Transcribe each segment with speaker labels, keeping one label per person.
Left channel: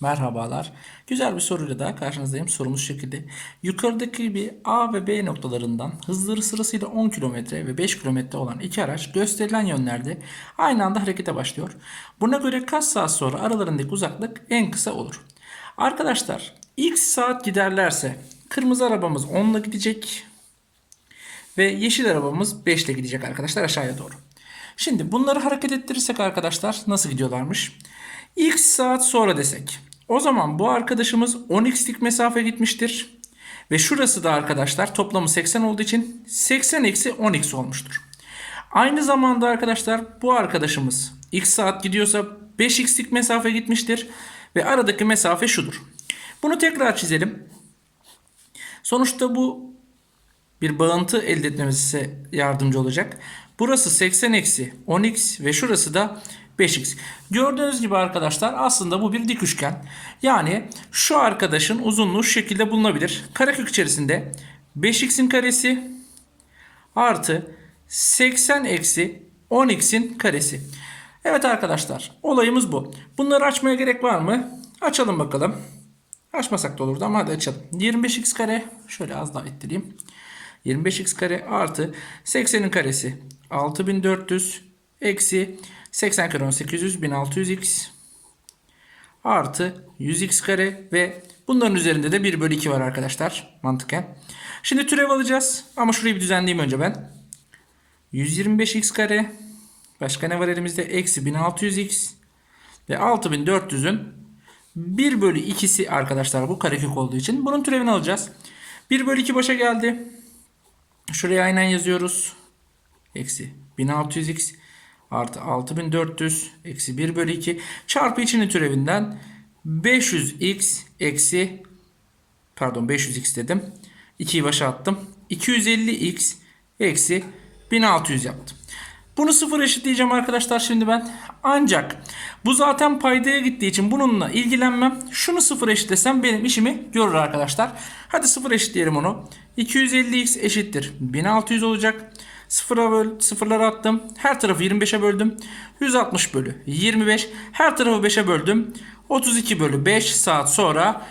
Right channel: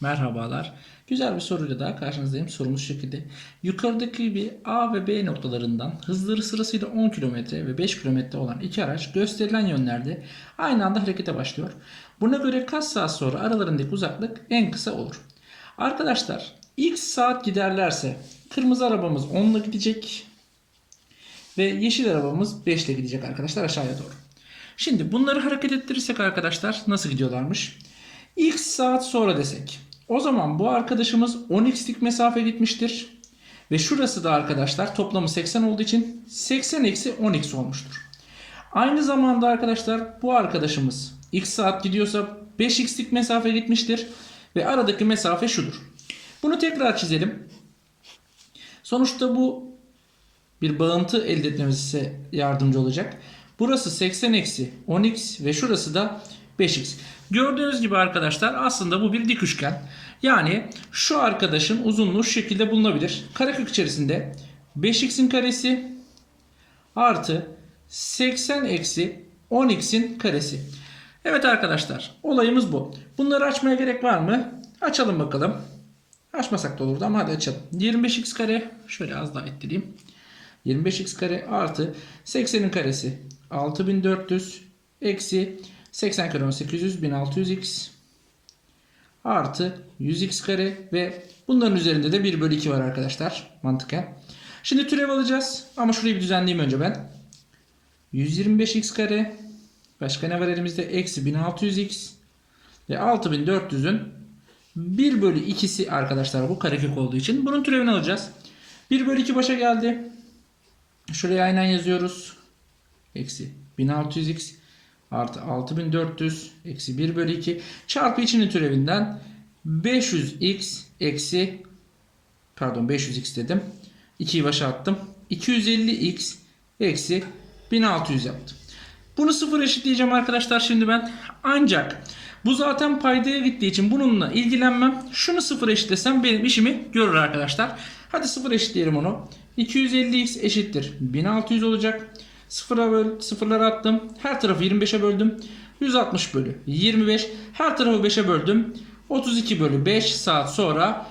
Speaker 1: Merhabalar. Güzel bir soruyla daha karşınızdayım. Sorumuz şekilde. Yukarıdaki gibi A ve B noktalarından hızları sırasıyla 10 km ve 5 km olan iki araç gösterilen yönlerde aynı anda harekete başlıyor. Buna göre kaç saat sonra aralarındaki uzaklık en kısa olur? Arkadaşlar x saat giderlerse kırmızı arabamız 10 ile gidecek ve yeşil arabamız 5 ile gidecek arkadaşlar aşağıya doğru. Şimdi bunları hareket ettirirsek arkadaşlar nasıl gidiyorlarmış? X saat sonra desek. O zaman bu arkadaşımız 10x'lik mesafe gitmiştir. Ve şurası da arkadaşlar toplamı 80 olduğu için 80 eksi 10x olmuştur. Aynı zamanda arkadaşlar bu arkadaşımız x saat gidiyorsa 5x'lik mesafe gitmiştir. Ve aradaki mesafe şudur. Bunu tekrar çizelim. Sonuçta bu bir bağıntı elde etmemize yardımcı olacak. Burası 80 eksi 10x ve şurası da 5x. Gördüğünüz gibi arkadaşlar aslında bu bir dik üçgen. Yani şu arkadaşın uzunluğu şu şekilde bulunabilir. Karekök içerisinde 5x'in karesi artı 80 eksi 10x'in karesi. Evet arkadaşlar olayımız bu. Bunları açmaya gerek var mı? Açalım bakalım. Açmasak da olurdu ama hadi açalım. 25x kare şöyle az daha ettireyim. 25x kare artı 80'in karesi 6400 eksi 80 kare 1800 1600x artı 100x kare ve bunların üzerinde de 1 bölü 2 var arkadaşlar mantıken. Şimdi türev alacağız ama şurayı bir düzenleyeyim önce ben. 125x kare başka ne var elimizde? Eksi 1600x ve 6400'ün 1 bölü 2'si arkadaşlar bu karekök olduğu için bunun türevini alacağız. 1 bölü 2 başa geldi. Şuraya aynen yazıyoruz. Eksi 1600x artı 6400 eksi 1 bölü 2 çarpı içinin türevinden 500x eksi pardon 500x dedim. 2'yi başa attım. 250x eksi 1600 yaptım. Bunu sıfır eşitleyeceğim arkadaşlar şimdi ben. Ancak bu zaten paydaya gittiği için bununla ilgilenmem. Şunu sıfır eşitlesem benim işimi görür arkadaşlar. Hadi sıfır eşitleyelim onu. 250x eşittir 1600 olacak. Sıfıra böl, sıfırlara attım. Her tarafı 25'e böldüm. 160 bölü 25. Her tarafı 5'e böldüm. 32 bölü 5 saat sonra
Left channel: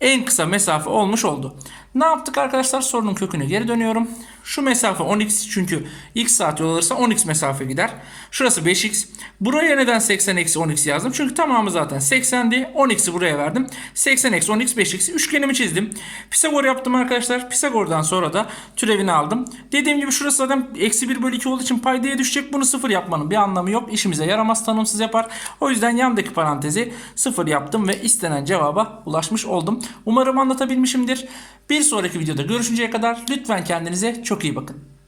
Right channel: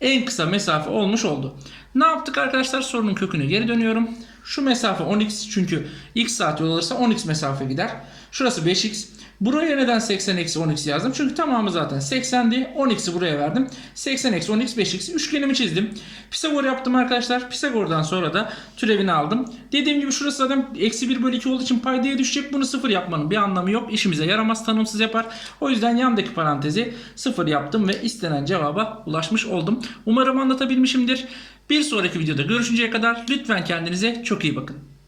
Speaker 1: en kısa mesafe olmuş oldu. Ne yaptık arkadaşlar? Sorunun köküne geri dönüyorum. Şu mesafe 10x çünkü x saat yol alırsa 10x mesafe gider. Şurası 5x. Buraya neden 80 eksi 10x yazdım? Çünkü tamamı zaten 80'di. 10x'i buraya verdim. 80 eksi 10x 5x. Üçgenimi çizdim. Pisagor yaptım arkadaşlar. Pisagor'dan sonra da türevini aldım. Dediğim gibi şurası zaten eksi 1 bölü 2 olduğu için paydaya düşecek. Bunu sıfır yapmanın bir anlamı yok. İşimize yaramaz tanımsız yapar. O yüzden yandaki parantezi sıfır yaptım ve istenen cevaba ulaşmış oldum. Umarım anlatabilmişimdir. Bir sonraki videoda görüşünceye kadar lütfen kendinize çok iyi bakın.